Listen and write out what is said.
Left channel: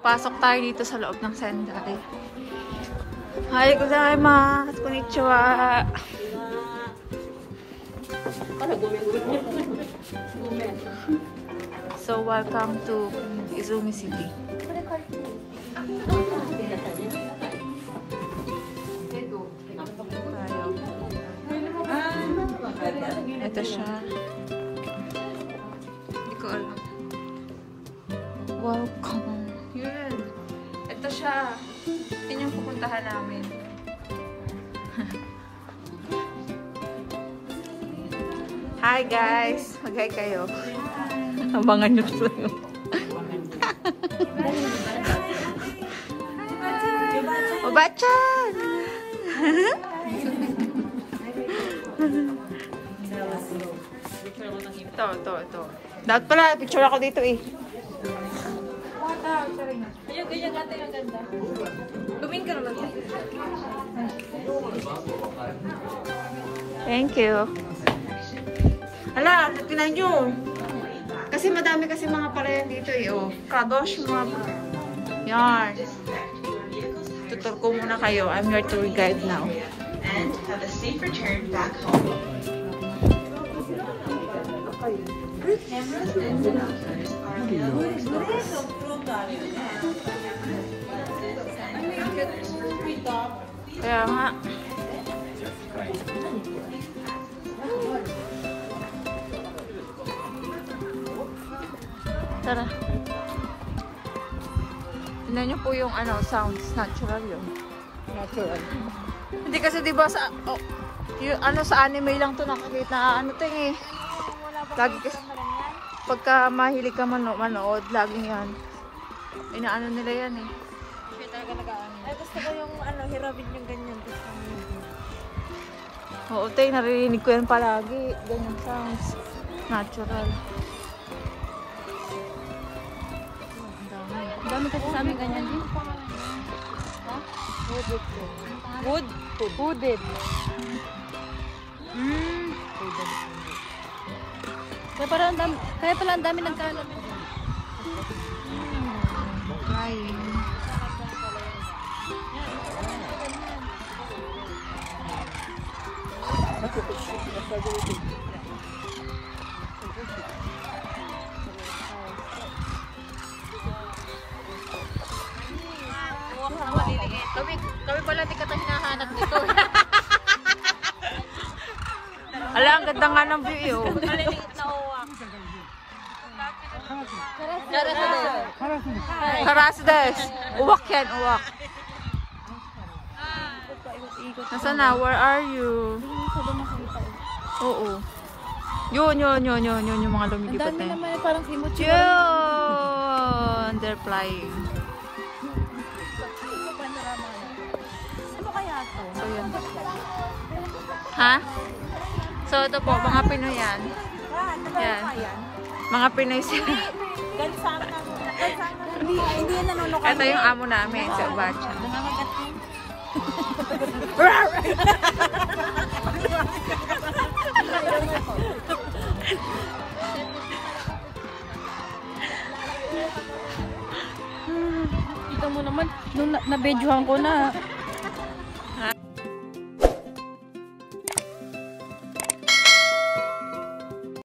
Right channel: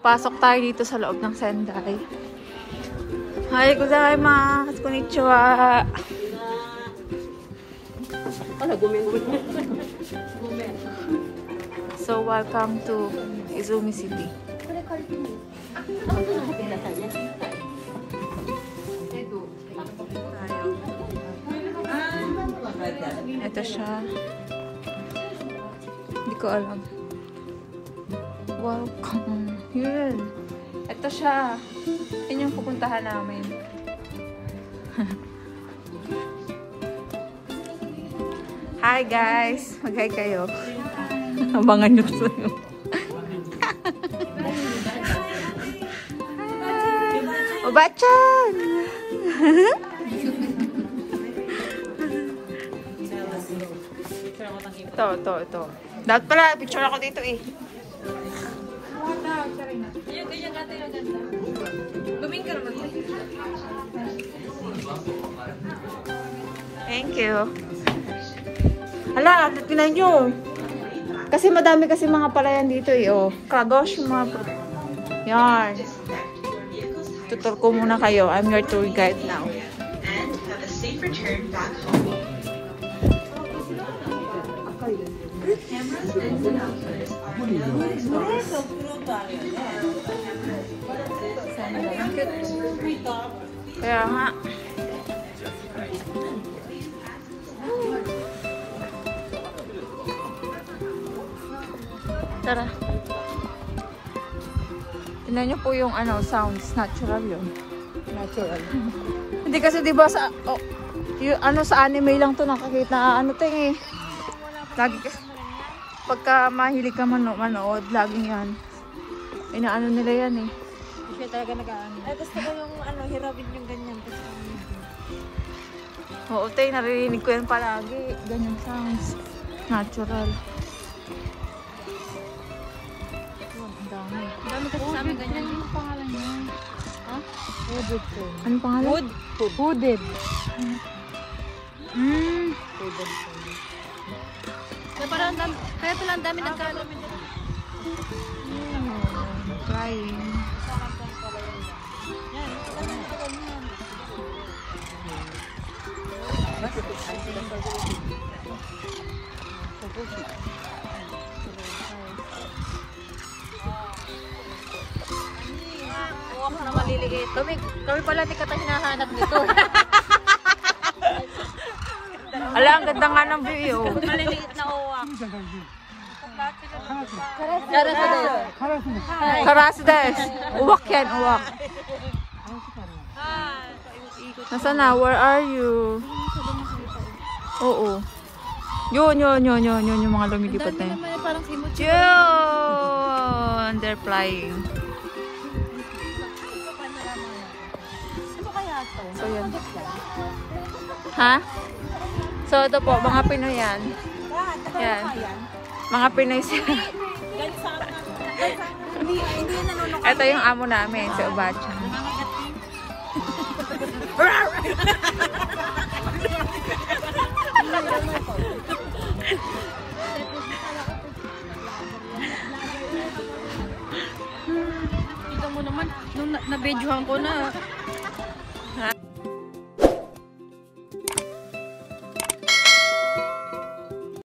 Pasok tayo dito sa loob ng Sendai. Hi, gozaimasu. Konnichiwa. So, welcome to Izumi City. Ito siya. Hindi ko alam. Welcome. Yun. Ito siya. Yun yung pupuntahan namin. Hi guys! Mag-hi kayo. Abangan nyo sa'yo. Obachan! Ito. Dapat pala, picture ako dito eh. Yung ganda. Lumin ka naman. Thank you. Hala, tinan nyo. Kasi madami kasi mga palayan dito eh. Oh. Kadosh, mga yan. Tutor ko muna kayo. I'm your tour guide now. Have a safe return back home. Kaya nga. Tara. Tignan niyo po yung sounds. Natural yun. Natural. Hindi kasi diba sa sa anime lang to nakakita. To eh. Lagi pagka mahilig ka manood, laging yan. Inaano nila yan eh. Siya talaga nag-aano. Ay, gusto ko yung hirapin yung ganyan. Oo, tayo, naririnig ko yan palagi. Ganyan sounds. Natural. Ang dami. Ang dami kasi sa amin ganyan din. Ano pangalan? Hooded. Kaya pala ang dami nagkano. Flying. Huwag na maliligay. Kami pala hindi ka tayo hinahanap dito. Ala, ang ganda nga ng view. Maliliit na uwak. Karasdes. Uwak yan, uwak. Nasaan na? Where are you? Oo. Yun, yung mga lumilipad na yun. Yun! They're flying. Ano kaya ito? So, yan. Ha? So, ito po, mga Pinoy yan. Yan. Mga Pinoy siya. Ito yung amo namin, si Obachan. Ito mo naman, nung nabedyohan ko na.